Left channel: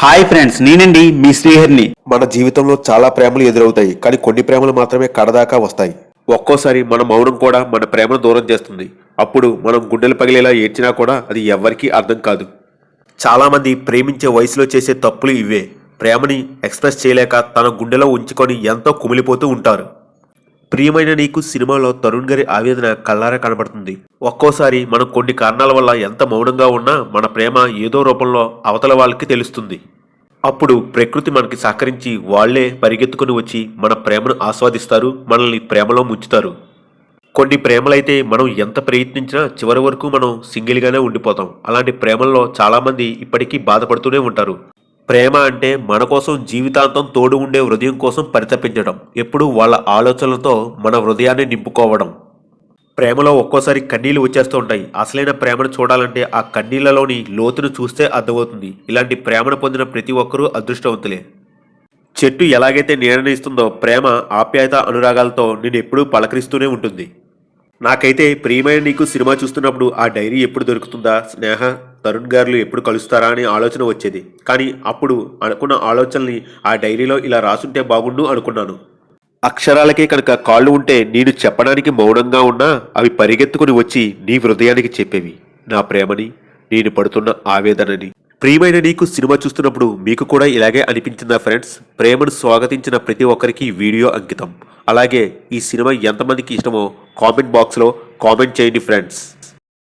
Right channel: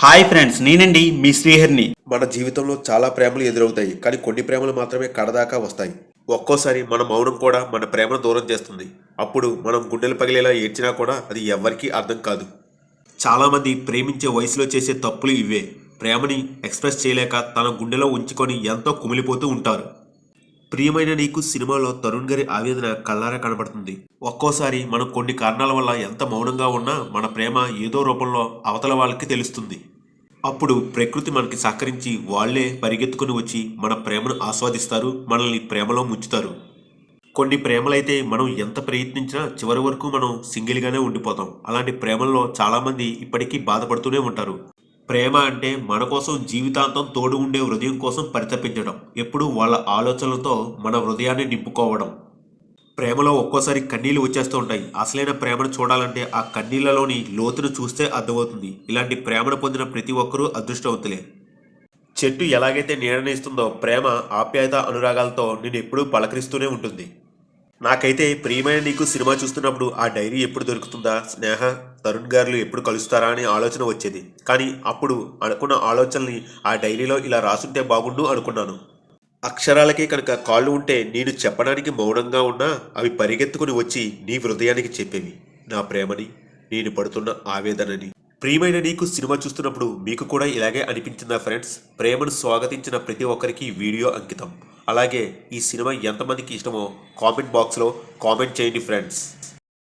Hi friends నేనండి మీ శ్రీహరిని. మన జీవితంలో చాలా ప్రేమలు ఎదురవుతాయి కానీ కొన్ని ప్రేమలు మాత్రమే కడదాకా వస్తాయి. ఒక్కోసారి మన మౌనం కూడా మన ప్రేమను దూరం చేస్తుంది. అప్పుడు మనం గుండెలు పగిలేలా ఏడ్చినా కూడా అది ఎవ్వరికీ అర్థం కాదు. చాలామంది ప్రేమించే వయసులో చేసే తప్పులు ఇవే. ప్రేమని ఎక్స్ప్రెస్ చేయలేక తన గుండెలో ఉంచుకొని ఎంతో కుమిలిపోతూ ఉంటారు. ప్రియమైన నీకు సినిమాలో తరుణ్ గారి ఆవేదన కళ్ళారా కనబడుతుంది. ఒక్కోసారి మనం కొన్ని కారణాల వల్ల ఎంత మౌనంగా ఉన్నా మన ప్రేమ ఏదో రూపంలో అవతల వాళ్ళకి తెలుస్తుంది. అప్పుడు ప్రకృతి మనకి సహకరించి వాళ్ళే పరిగెత్తుకుని వచ్చి మన ప్రేమను ఆస్వాదిస్తారు మనల్ని ప్రేమలో ముంచుతారు. కొన్ని ప్రేమలైతే మనం ఎంత ప్రయత్నించినా చివరి వరకు మనం సింగిల్గానే ఉండిపోతాం. అలాంటి ప్రేమల్లో చాలామంది ఇప్పటికీ బాధపడుతూనే ఉంటారు. ప్రేమ అంటే మన కోసం జీవితాంతం తోడు ఉండే హృదయం కోసం పరితపించడం ఎప్పుడూ వాళ్ళ ఆలోచనలతో మన హృదయాన్ని నింపుకోవడం. ప్రేమలో ఒక్కోసారి కన్నీళ్ళు వచ్చేస్తూ ఉంటాయి. అసలైన ప్రేమను చూడాలంటే ఆ కన్నీళ్ళలోని లోతును చూస్తే అర్థమవుతుంది. ఇలాంటి ప్రేమను పొందిన ప్రతి ఒక్కరూ అదృష్టవంతులే. చెట్టు ఎలాగైతే నీడని ఇస్తుందో ప్రేమ ఆప్యాయత అనురాగాలతో నేను ఎప్పుడూ పలకరిస్తూనే ఉంటుంది. నాకైతే ప్రియమైన నీకు సినిమా చూస్తున్నప్పుడు ఆ డైరీ ఎప్పుడు దొరుకుతుందా స్నేహ? తరుణ్ గారులు ఎప్పుడు కలుస్తారా అనే ఆలోచన వచ్చేది. కానీ అప్పుడు అనుకున్న ఆలోచనని ఆ డైరీలో ఇలా రాసుంటే బాగుండు అనుకున్నాను. అక్షరాలకే కనుక కాళ్ళు ఉంటే నేను చెప్పడానికి మౌనంగా ఉన్నా అవి పరిగెత్తుకుని వచ్చి నీ హృదయానికి చెప్పేవి. నా ప్రేమని నేను పడుతున్న ఆవేదనని. ప్రియమైన నీకు సినిమా చూస్తున్నప్పుడు మీకు కూడా ఇలాగే అనిపించిందా ఫ్రెండ్స్? ప్రేమను స్వాగతించిన ప్రతి ఒక్కరికి వీడియో అంకితం. అలాగే ఈ సినిమా ఎంతమందికి ఇష్టమో కామెంట్ బాక్స్లో కామెంట్ చేయండి ఫ్రెండ్స్.